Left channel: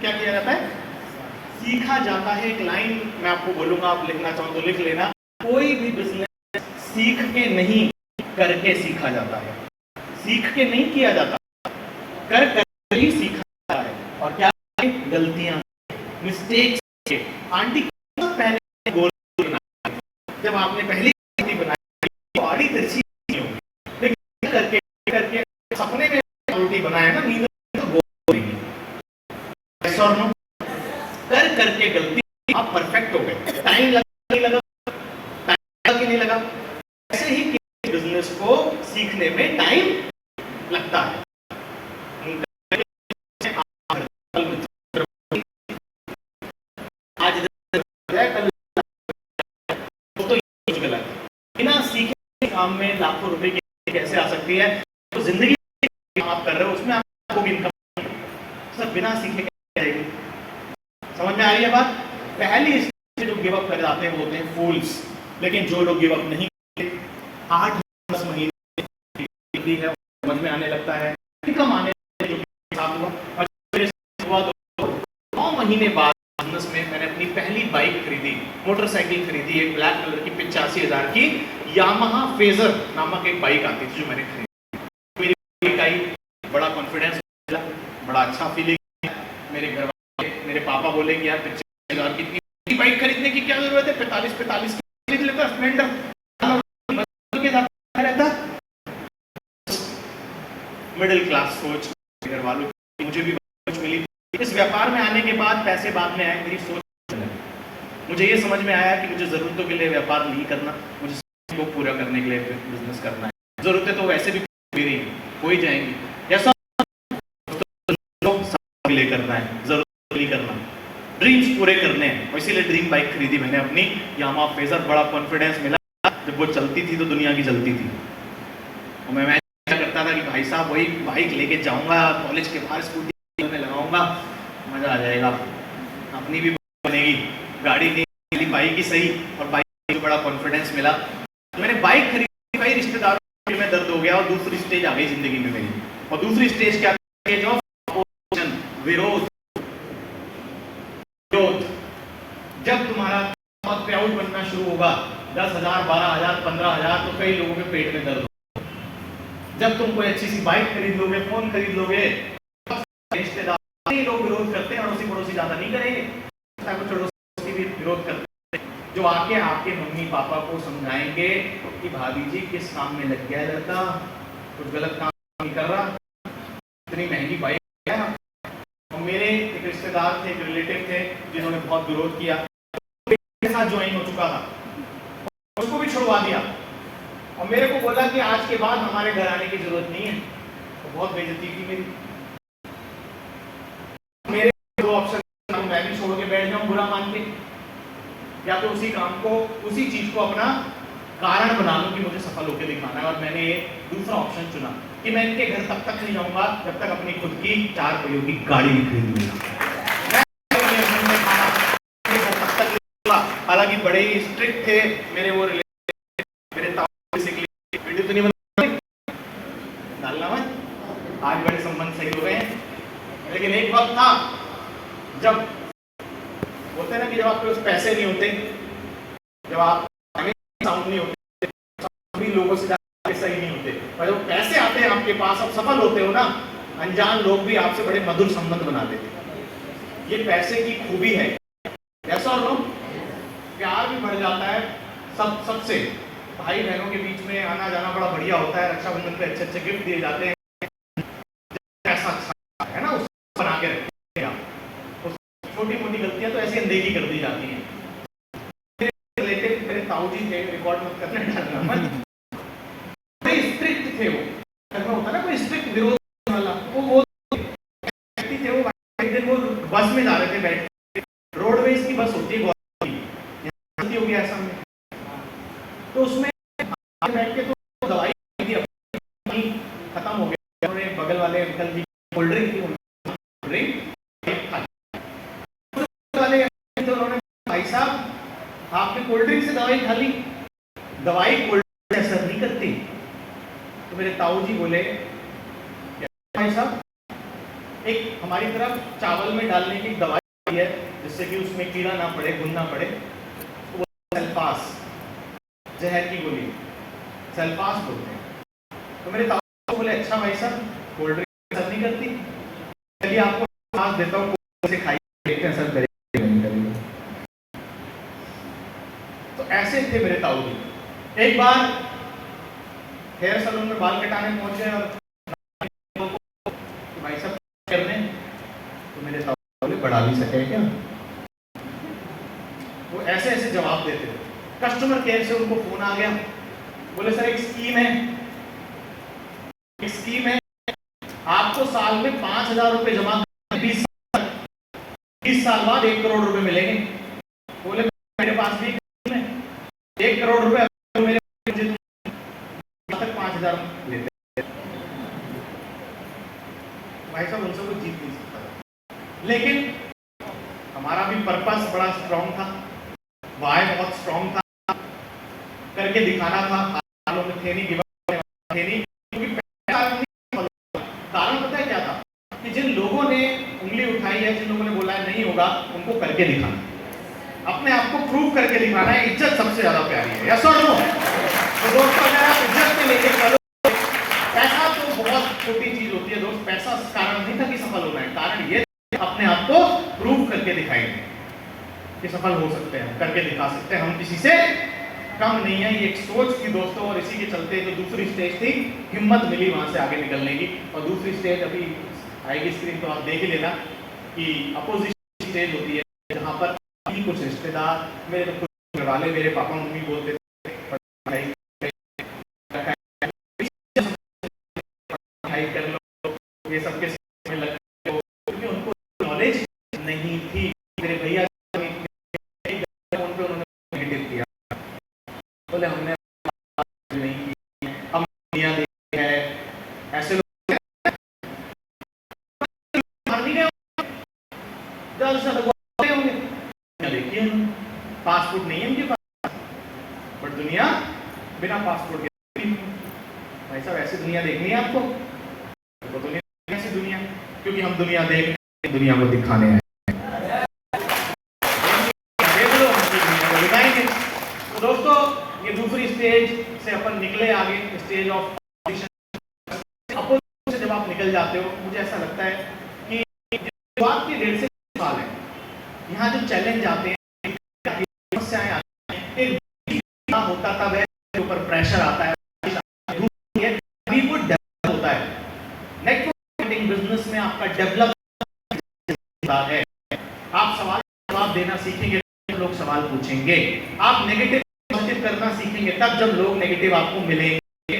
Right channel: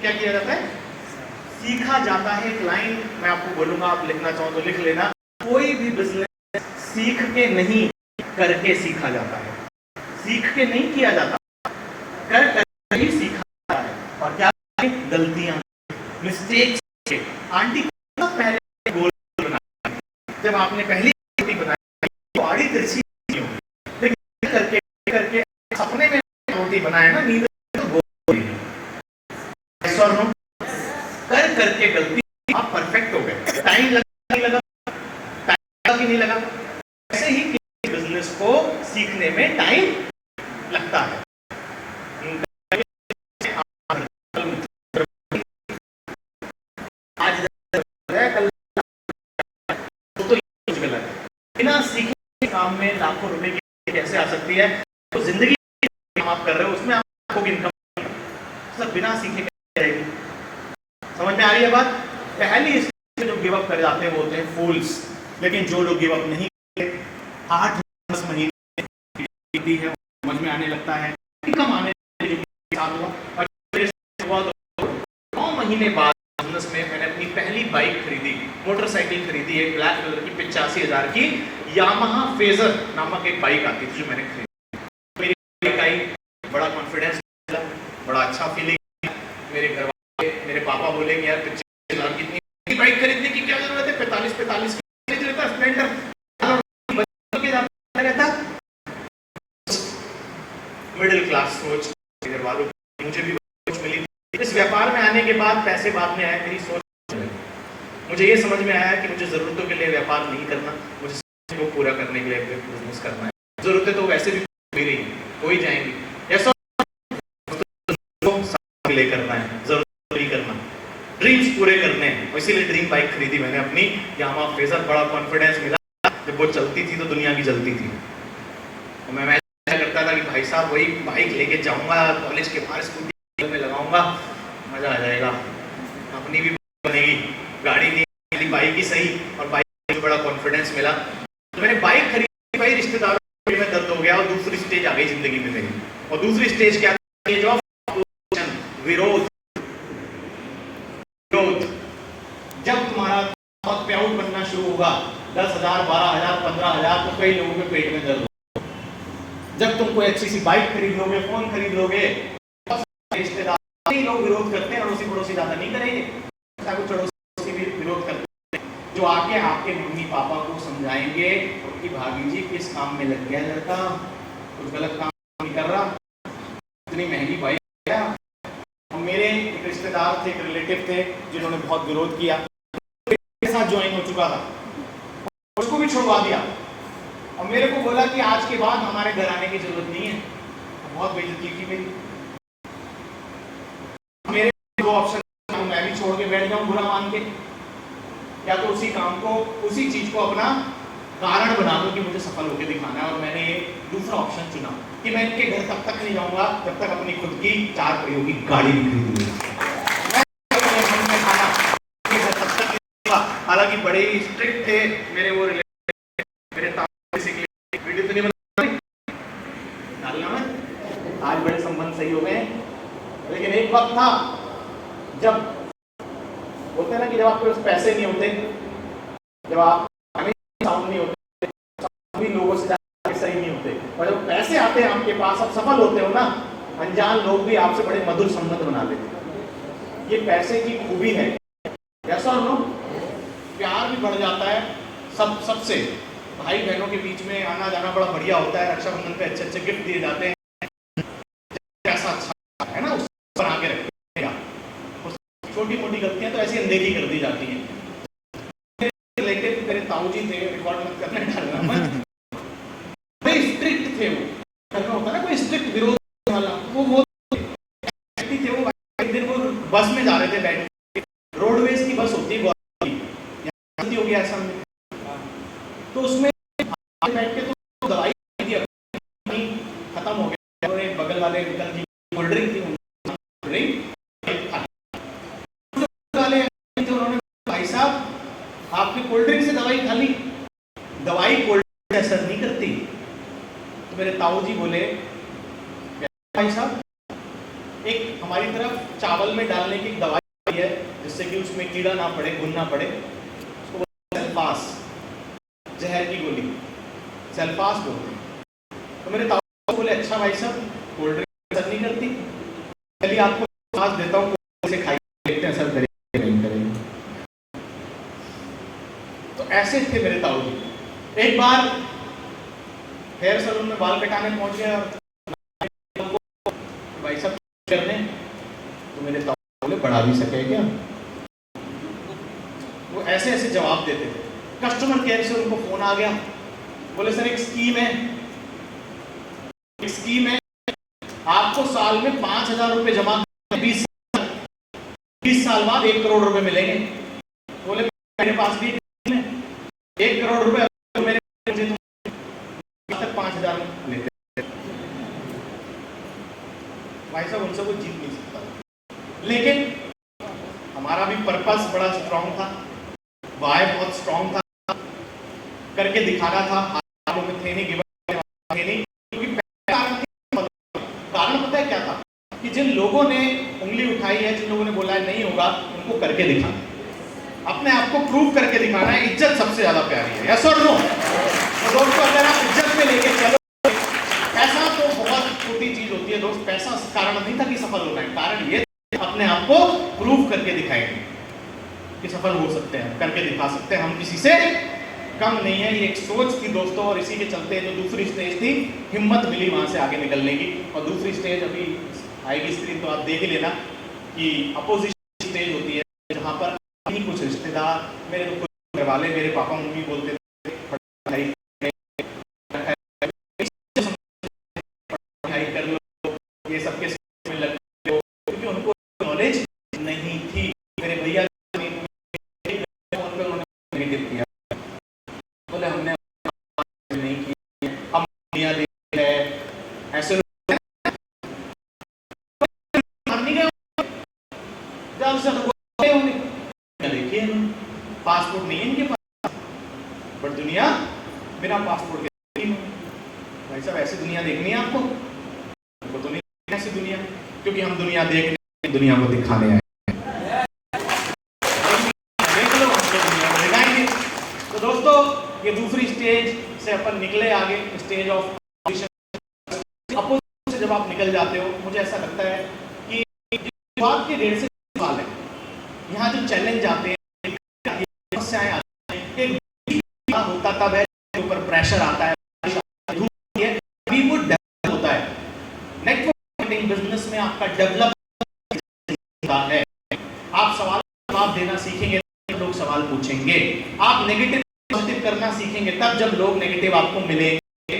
क्या किया जाता है? सीखा जाता है। एक लाइन मैं आपको बोलूंगा, आप लिखना चाहो तो लिख लेना। कोई भी बिजनेस सीख के नहीं, करके सीखा जाता है। सीख के नहीं किया जाता, कर ही सीखा जाता है। और क्या? गलतियां, मिस्टेक्स। आंटी पहले गोल बनाई, जब आपने पहली रोटी बनाई तो आड़ी तिरछी नहीं होगी, लेकिन करके करके सपने में रोटी बनाए ना, नींद में तो गोल नहीं। यस और नो? कर करके गलती आप परफेक्ट हो गए। टाइम लगा नहीं लगा? टाइम लगा कि नहीं लगा? ऐसे ही बिजनेस को सीखने में टाइम लगता है। बिना सीखे काम में लाखों रुपए की कैसे आ सकती है? तो जिंदगी आप कर रहे हो उसमें आपको इनकम सब बिना सीखे कैसे आएगी? समझ में आ रही है बात? पहली स्टेज जो गिव अप कर जाते हैं वो होते हैं फूल्स। लेकिन जो लोग गिव अप नहीं करते, 8-10 महीने है समझ में आने लगता है, इनकम आने और 9 महीने बाद बिजनेस में मैंने अपनी पहली बाइक खरीदी, मोटरसाइकिल खरीदी, एक ब्लैक कलर की 85,000 की यामाहा फेजर नामक एक बाइक आती थी जो मैंने खरीदी। मेरी बाइक आई, बड़ा कॉन्फिडेंस मिला, बड़ा अच्छा फीलिंग। मेरे घर वाले, मेरे पापा बोले कि यार 85,000 की इतनी बाइक खरीदने की क्या जरूरत है? 45 की स्प्लेंडर रहता। मिडिल क्लास सोच घर वालों की, मुझे भी सोच मिली। इस व्यापार में आने के बाद पैसे बाद में आए, मेरी सोच मुझे ये समझ में आया कि मुझे जरूरतों के लिए व्यापार नहीं करना, मुझे को पूरा करने के लिए बिजनेस करना है। जरूरतें तो वैसे भी मेरी हो ही जाएंगी, ऐसा लिए करना है, जरूरत नहीं करना, ड्रीम्स पूरे करने हैं। इसीलिए ड्रीम बाइक खरीदी मैंने अपनी यामाहा फेजर। बड़ा कॉन्फिडेंस मिला, जब वो चलती थी तो दुनिया की जलती थी। और मैं इमेजिन करता था कि भाई साहब वही बाइक लेके जाऊंगा, कॉलेज के बाहर स्कूटी में लगाऊंगा, मजा आ जाएगा, अपनी भी बनेगी, गाड़ी नहीं बाइक ही सही। और बाइक में बड़ा कॉन्फिडेंस मिला तो मैंने बाइक खरीदी। भाई रिश्तेदारों में दर्द हो गया और दूसरी स्टेज आ गई जिंदगी में मेरी। और दूसरी स्टेज क्या? विरोध। जब तुम्हारा पे आउट बनना शुरू होगा, 10,000, 12,000, 15,000, तो कई लोगों के पेट में दर्द होगा। जब तुम कोई अच्छी सी बाइक खरीद लोगे, फोन खरीद लोगे, रिश्तेदार लोग विरोध करते हैं, अड़ोसी पड़ोसी ज्यादा नहीं करेंगे, कुछ अड़ोसी भी विरोध करते हैं, जो आके आपके मम्मी पापा को समझाएंगे कि भाभी जी किस काम में लग गया लड़का, कुछ गलत काम नहीं कर रहा, इतनी महंगी बाइक। और मेरे एक रिश्तेदार थे, एक रिलेटिव थे जिन्होंने बहुत विरोध किया, के साथ ज्वाइन हो चुका था, उसको भी छुड़वा दिया और मेरे को बोला कि आज के बाद हमारे घर आने की जरूरत नहीं है। तो बहुत बेइज्जती की मेरी। मेरे दो ऑप्शन, मैं भी छोड़ के बैठ जाऊं बुरा मान के, या तो उसी काम को, उसी चीज को अपना कारण बना लूं कि मुझे सफल होकर दिखाना है। और मैंने ये दूसरा ऑप्शन चुना कि मैं इनके घर तब तक नहीं जाऊंगा जब तक अपनी खुद की 4 पहियों की गाड़ी नहीं खरीदूंगा। हालांकि बड़े ही स्ट्रिक्ट थे मेरे वो रिलेटिव, मेरे ताऊ बेसिकली वीडियो तो नहीं डालना में, आज बड़े संबंध सही हो गए हैं। लेकिन एक वक्त था जब बोलते हैं ना कि जब आपके पास पैसे नहीं होते, जब आप साउंड नहीं होते, सभी लोगों से सही नहीं होते, पर जब पैसे आते हैं आपके पास, आप सफल होते हो ना, अनजान लोग भी आपसे बड़े मधुर संबंध बना देते। ये पैसे की खूबी है। ऐसा हो, प्यार भी बढ़ जाता है सबसे। भाई बहनों के बीच में आना जाना बड़ा बढ़िया होता है। रक्षाबंधन पे अच्छे अच्छे गिफ्ट दिए जाते हैं, कैसा अच्छा है ना, उसको बना के रखते हैं। छोटी मोटी गलतियां तो ऐसी अनदेखी कर दी जाती हैं। रिलेटिव मेरे ताऊ जी थे, रिकॉर्ड मत करने डालना मत, बड़े स्ट्रिक्ट थे वो। करना होता ना कोई स्ट्रिक्ट विरोध वाला, वो थे। वो एक दिन वो बस में जा रहे थे, बैठ रोडवेज की बस होती है हो गया ऐसा में, तो उसमें बैठ के तो दवाई खत्म हो गया। और एक बगल वाले अंकल जी कोल्ड ड्रिंक थी, वाले तो उन्होंने, भाई साहब आपकी कोल्ड ड्रिंक से दवाई खा ली, दवाई कोल्ड ड्रिंक से असर नहीं करती। तो मेरे ताऊ जी बोले, भाई साहब एक हमारी तरफ चावल में डालने की एक दवाई है जिससे कि उसमें कीड़ा ना पड़े, घुन ना पड़े, उसको सेल्फास, जहर की गोली सेल्फास बोलते हैं। तो मेरे ताऊ बोले अच्छा भाई साहब कोल्ड ड्रिंक असर नहीं करती, चलिए आपको आज देता हूँ, से खाइए देखते हैं असर करेगा नहीं करेगा। तो ऐसे थे मेरे ताऊ जी। एक बार हेयर सैलून में बाल कटाने पहुंचे और भाई साहब करने, तो मेरे ताऊ बोले बढ़ा भी सके क्या। वो ऐसे ऐसे जवाब देते थे। कस्टमर केयर से उनको फोन आ गया, बोले सर एक स्कीम है, एक स्कीम है, आपको साल में 5,000 रुपए जमा 20 साल बाद 1 करोड़ रुपए मिलेंगे। बोले मेरे पास भी 1 करोड़ रुपए मेरे 5,000 लेते। भाई साहब उनसे कोई जीत नहीं सकता, लेकिन हमारा भी पर्पस बड़ा स्ट्रांग था, वाय बहुत स्ट्रांग था, करके दिखाना था। हालों में थे नहीं, थे नहीं, क्योंकि कारण पता है क्या था कि जिन लोगों ने उंगली उठाई है, जिन लोगों ने बोला है नहीं होगा, उनको करके दिखाना, अपने आप को प्रूव करके दिखाना है। इज्जत सबसे ज्यादा प्यारी है, यस और नो? तो दोस्तों अगर आप इज्जत में लेके चलो, पैसा तो बहुत छोटी चीज होती है दोस्त, पैसा कारण नहीं था कि सफल होना है, कारण ये अपने आप को प्रूव करके दिखाएंगे कि सफल हो सकते हैं, करके दिखा सकते हैं, हम किसी से कम नहीं है। ये एक सोच थी दोस्तों, और इसी के चलते जो दूसरी स्टेज थी, हिम्मत मिली वहां से आगे निकलने की। और दूसरी स्टेज अभी आएगी स्क्रीन तो आप देख ही लेना कि अपोजिशन स्टेज होती है, जहां पर कुछ रिश्तेदार, मेरे तो कुछ घर वाले, मेरे पापा मम्मी बोलते थे कर लो, ये सबके लग, क्योंकि उनको नॉलेज नहीं थी। मेरे भैया नेगेटिव किया, बोले हमने नहीं की, हम दुनिया देखी है, ऐसे लोग देखिए पासपोर्ट नहीं है उनके पास, बट दुनिया बिना पासपोर्ट के। भाई साहब ऐसी दुनिया देखनी है आपको, तो दुनिया ऐसी दुनिया, क्योंकि हम दुनिया देखने, दुनिया को दिखाने आए, देख लो दुनिया को दिखाएंगे। तो दोस्तों ये दूसरी स्टेज से अपन निकले आगे, स्टेज ऑफ अपोजिशन से जब आप निकल जाते हो, मुझे ऐसा लगता है कि बात के 1.5 से 2 साल है, यहाँ जो चैलेंज आते हैं, समस्याएं आती हैं, एक होता था वह ऊपर प्रेशर आता है, होता है नेटवर्क मार्केटिंग बिजनेस में आपका डेवलप है। आप सवाल जवाब देना सीखेंगे, लोग सवाल पूछेंगे, आप नेगेटिव पॉजिटिव करना सीखेंगे, तब जब लोग नेगेटिव आपको मिलेंगे,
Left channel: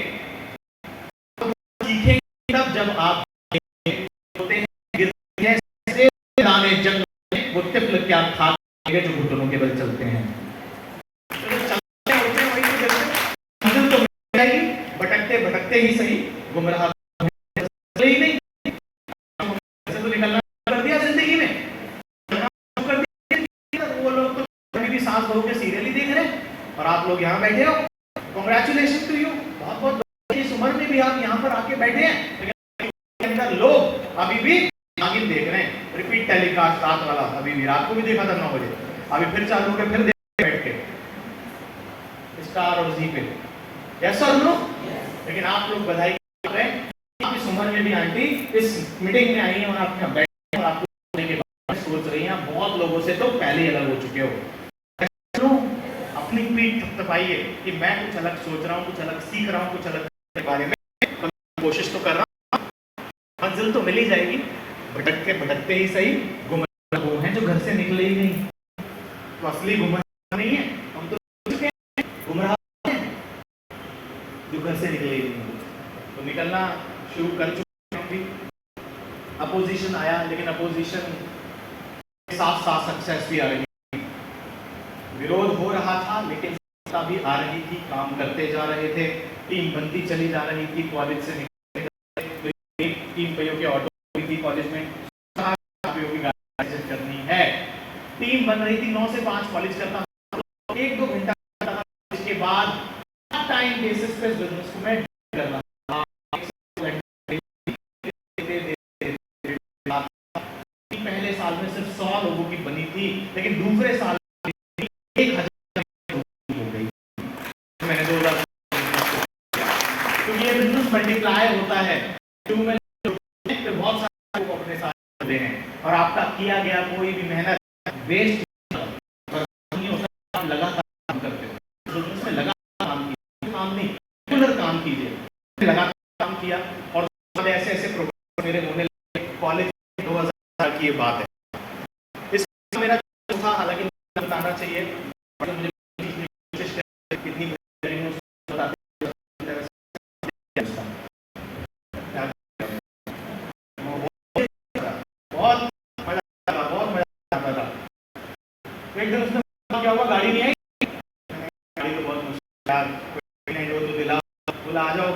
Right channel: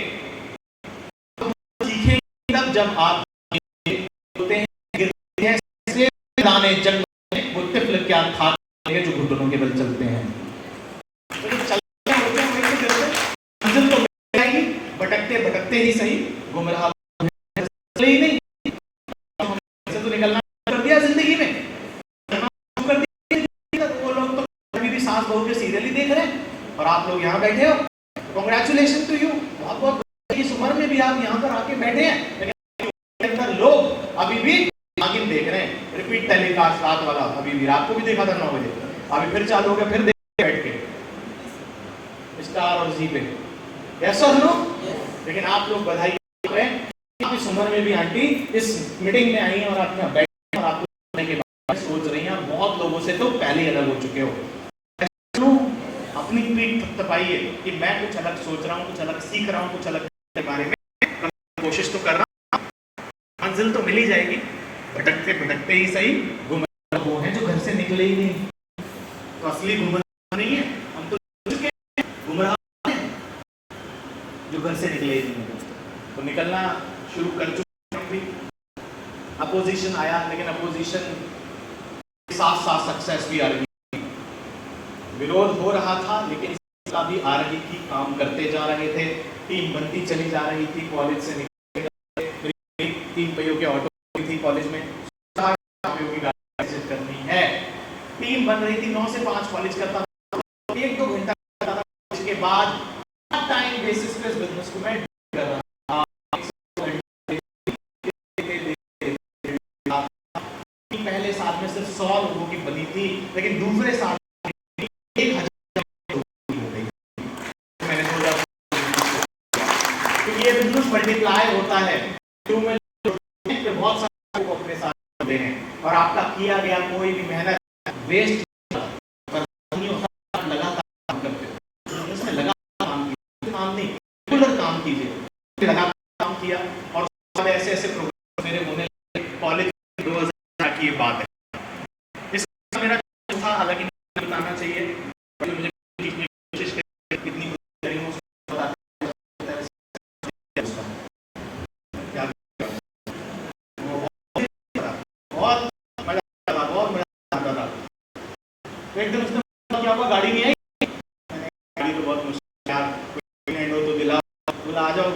सीखेंगे तब जब आप होते हैं दाने जंग में वो तिफल क्या खाएंगे जो घुटनों के बल चलते हैं। मंजिल तो मिल जाएगी, भटकते भटकते ही सही, गुमराह ही नहीं, ऐसे तो निकलना कर दिया जिंदगी में, कर दिया। वो लोग तो अभी भी सांस भर के सीरियल ही देख रहे हैं, और आप लोग यहाँ बैठे हो, कांग्रेचुलेशन टू यू, बहुत बहुत इस उम्र में भी आप यहाँ पर आके बैठे हैं, लेकिन लोग अभी भी आगे देख रहे हैं। रिपीट टेलीकास्ट रात वाला अभी भी, रात को भी देखा था 9 बजे, अभी फिर चालू हो गया, फिर देख बैठ के स्टार और जी पे, यस और नो? लेकिन आप लोग बधाई कर रहे हैं, आप इस उम्र में भी आंटी इस मीटिंग में आई हैं और आप यहाँ बैठे और आप के बारे में सोच रही हैं, बहुत लोगों से तो पहले ही अलग हो चुके हो। अपनी पीठ थपथपाइए कि मैं कुछ अलग सोच रहा हूँ, कुछ अलग सीख रहा हूँ, कुछ अलग के बारे में कोशिश तो कर रहा हूँ, मंजिल तो मिल ही जाएगी, भटकते भटकते ही सही। गुमराह वो हैं जो घर से निकले ही नहीं, तो असली गुमराह नहीं है, हम तो गुमराह हैं जो घर से निकले ही नहीं। तो निकलना शुरू कर चुके हैं भी, अपोजिशन आया, लेकिन अपोजिशन के साथ साथ सक्सेस भी आ रही है। विरोध हो रहा था लेकिन सत्ता भी आ रही थी, काम करते जा रहे थे, टीम बनती चली जा रही थी, कॉलेज से निकले 3 पहियों के ऑटो थी कॉलेज में, की गाड़ी करनी है, टीम बन रही थी, 9 से 5 कॉलेज करता था, 1-2 घंटा इसके बाद टाइम बेसिस पे बिजनेस को मैं कर रहा था। पहले साल में सिर्फ 100 लोगों की बनी थी, लेकिन दूसरे साल 1000 हो गई। मैंने 2000, क्योंकि ये बिजनेस मल्टीप्लायर होता है, फिर बहुत सारे लोग अपने साथ होते हैं और आपका किया गया कोई भी मेहनत वेस्ट नहीं होता। आप लगातार काम करते हो, इसमें लगातार काम नहीं, रेगुलर काम कीजिए। लगातार काम किया और ऐसे ऐसे प्रोग्राम मेरे होने लगे। कॉलेज 2000 की ये बात है। इसका मेरा था, हालांकि बताना चाहिए, मुझे कोशिश कितनी एकदम उसने क्या होगा, गाड़ी नहीं आई, गाड़ी तो बहुत मुश्किल, तो दिलाओ, बोला आ जाओ,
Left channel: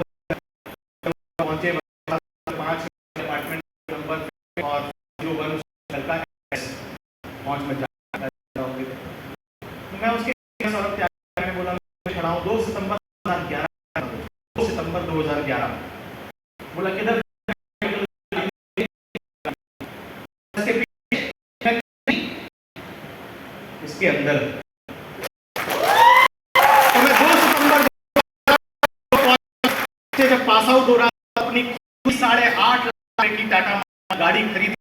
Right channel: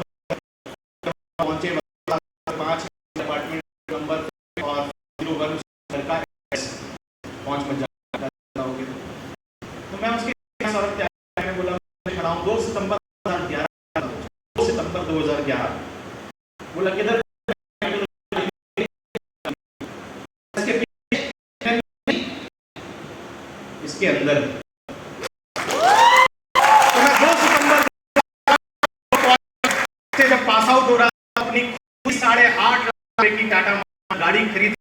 पहुंचे 5 अपार्टमेंट नंबर और 0 घर का 5 बजे जाओगे। तो मैं उसके सौरभ त्याग ने बोला, मैं खड़ा हूं 2 सितंबर 2011, बोला किधर, इसके अंदर। तो मैं 2 सितंबर से जब पास आउट हो रहा था, अपनी 8.5 लाख की टाटा गाड़ी खरीद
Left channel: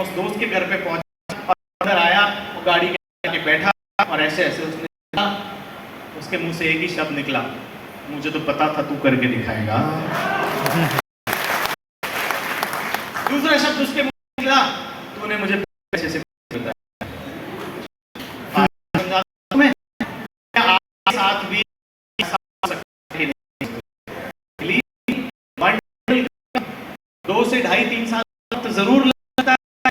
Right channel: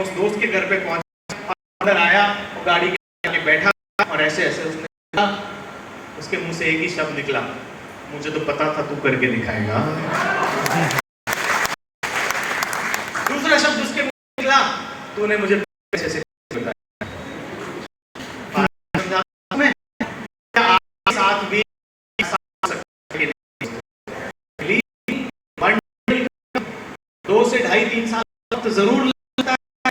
उस दोस्त के घर पे पहुंचा और अंदर आया, वो गाड़ी के आगे बैठा और ऐसे ऐसे उसके मुंह से एक ही शब्द निकला, मुझे तो पता था तू करके दिखाएगा। दूसरा शब्द उसके मुंह से निकला, तूने मुझे ऐसे ऐसे साथ भी 2 से 2.5-3 साल तो जरूर लगता है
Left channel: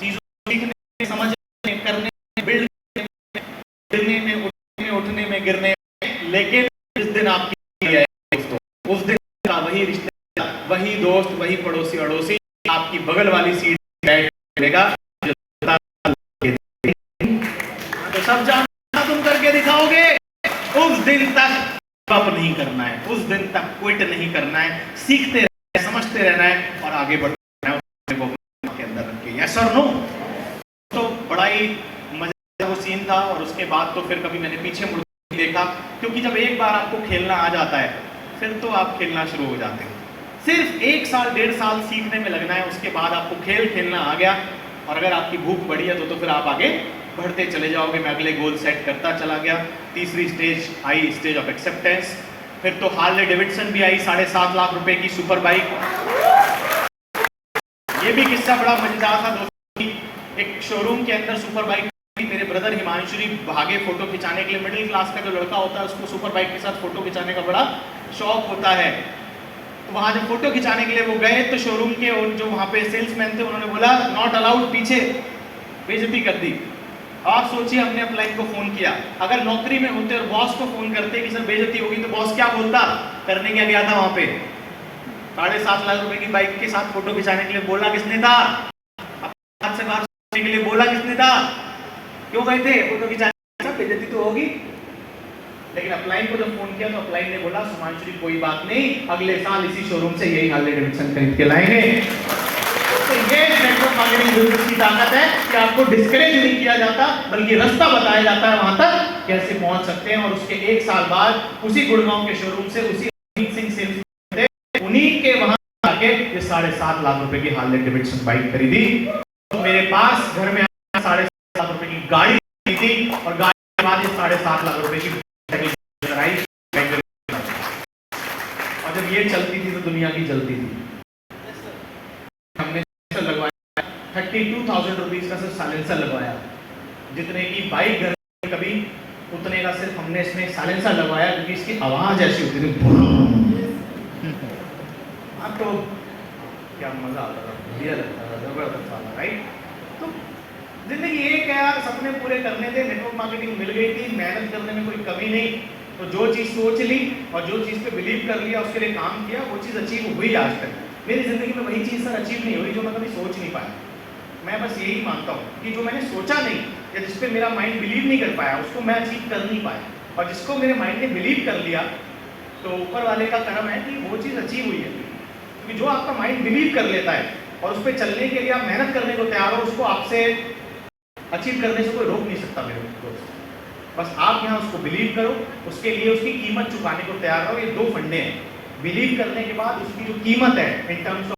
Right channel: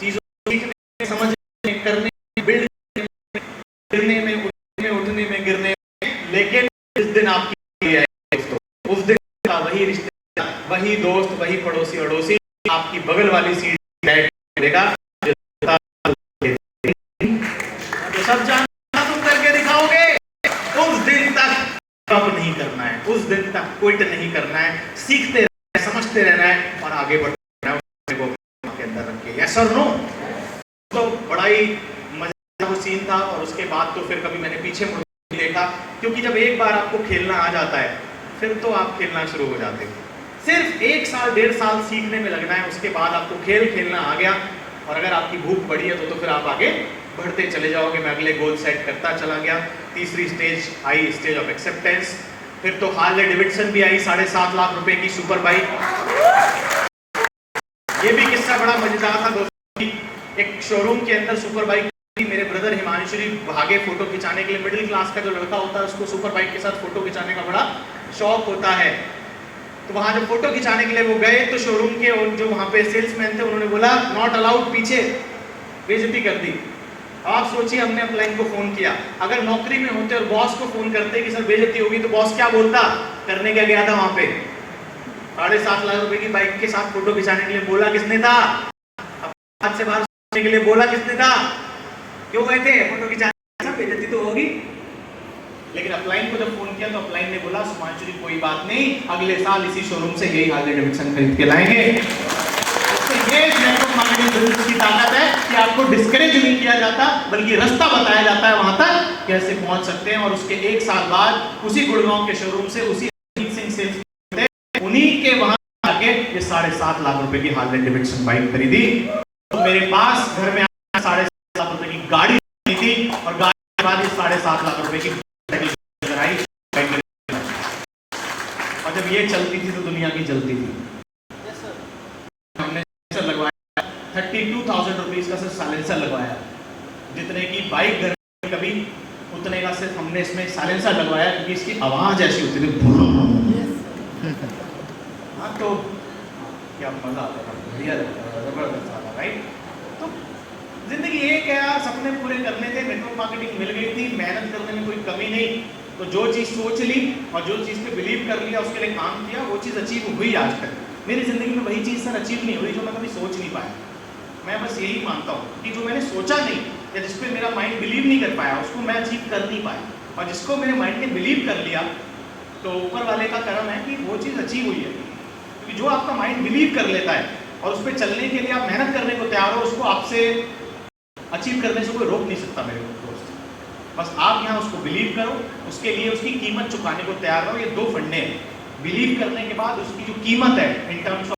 चीजों सीखने, समझने, करने, बिल्ड करने में, उठने में, गिरने में। लेकिन जिस दिन आपकी है दोस्तों, उस दिन का वही रिश्ता, वही दोस्त, वही पड़ोसी अड़ोसी आपकी बगल वाली सीट बैठेगा, तो सब जानना तुम करके दिखाओगे। उस दिन तक अब नहीं करना है, उस दिन तक क्विट नहीं करना है, सीखते रहना है, समझते रहना है और आगे बढ़ना है के अंदर रख के। यस और नो? तो बड़ा ही मजेदार सीन था और उसके बाद तो फिर कभी मैंने पीछे मुड़ देखा, क्योंकि जब एक बार आपको खेलना आ जाता है फिर तो आप खेलना शुरू हो जाते हैं। सिर्फ 1 साल 1.5 साल सीखने में लगना है, उसके बाद आपको खेलना आ गया और अगर आपकी भूख बढ़ी है तो फिर आप आगे बढ़ते चले जाओगे। मैं अगले गोल सेट करता चला गया। तीसरी stage I, stage of acceptance. फिर तो हार्ले डेविडसन भी आई, 7.5 लाख रुपए की सुपर बाइक। ये भी किस्सा बड़ा मजेदार था दोस्तों। एक शोरूम के अंदर सुपर बाइक, मेरे ब्रदर हिमांशु भागे फोटो खिंचाने के लिए। मिडिल क्लास का जो लड़का होता है उसको सुपर बाइक के साथ फोटो खिंचाने का बड़ा शौक होता है। तो वहां जब फोटो खिंचाने के लिए वो गए तो शोरूम के जो वहां पे सेल्समैन थे उन्होंने बोला नॉट अलाउड, पीछे, बेइज्जती कर दी। आप सोचिए, हमने अपलाइन को फोन किया, अगर नौकरी में होते और बॉस को फोन करते कि सर बेइज्जती होगी तो बॉस क्या बोलता? करने क्या गया था वहां पे? 7.5 लाख रुपए की बाइक के साथ फोटो खिंचाने के लिए बोला किसने था? हाथ से बाहर के लिए बोला किसने था? क्यों गए थे फोटो खिंचाने? बेइज्जती तो होगी। लेकिन अपलाइन को जब फोन किया तो अपलाइन ने बोला सुमांशु कोई बात नहीं, अगले साल इसी शोरूम से यही हार्ले डेविडसन खरीद के लाएंगे। तो ये नेटवर्क मार्केटिंग ग्रुप की ताकत है कि आपको डिस्करेज नहीं किया जाता, बल्कि रास्ता बताया जाता है वहां तक कैसे पहुंच सकते हैं। और उसके 1 साल बाद उसी गुड़गांव के शोरूम से उसी सिंह सेल्स उन्हीं के वहां आके ये 7.5 लाख रुपए की हार्ले डेविडसन बाइक खरीदी। तो मेरे पास घर में 7.5 लाख रुपए की गाड़ी थी और गाड़ी के बाद 7.5 लाख रुपए की जब ये चलती थी तो दुनिया की चलती थी। हमने लगवाया 32,000 रुपीज का सिर्फ साइलेंसर लगवाया, जितने की बाइक घर में कभी उतने का सिर्फ हमने इसमें साइलेंसर लगवाया, क्योंकि इसकी आवाज ऐसी होती थी। हाँ तो क्या मजा आता था, बढ़िया जबरदस्त था, राइट? तो जिंदगी एक है यार, सपने पूरे करने थे, नेटवर्क मार्केटिंग मिल गई थी, मेहनत करने में कोई कमी नहीं। तो जो चीज़ सोच ली और जो चीज़ पे बिलीव कर लिया, उसके लिए काम किया, वो चीज़ अचीव हुई। आज तक मेरी ज़िंदगी में वही चीज़ सर अचीव नहीं हुई जो मैं कभी सोच नहीं पाया। मैं बस यही मानता हूँ कि जो मैंने सोचा नहीं या जिस पे मेरा माइंड बिलीव नहीं कर पाया, उसको मैं अचीव कर नहीं पाया। और जिसको मेरे माइंड ने बिलीव कर लिया तो ऊपर वाले का कर्म है कि वो चीज़ अचीव हुई है। क्योंकि जो आपका माइंड बिलीव कर लेता है और उस पर चलने के लिए आप मेहनत करने को तैयार हो, उसको आपसे अचीव करने से कोई रोक नहीं सकता मेरे दोस्त। बस आप यहाँ उसको बिलीव करो, उसके लिए उसकी कीमत चुकाने को तैयार रहो। ये दो फंडे हैं, बिलीव करने के बाद उसकी जो कीमत है इन टर्म्स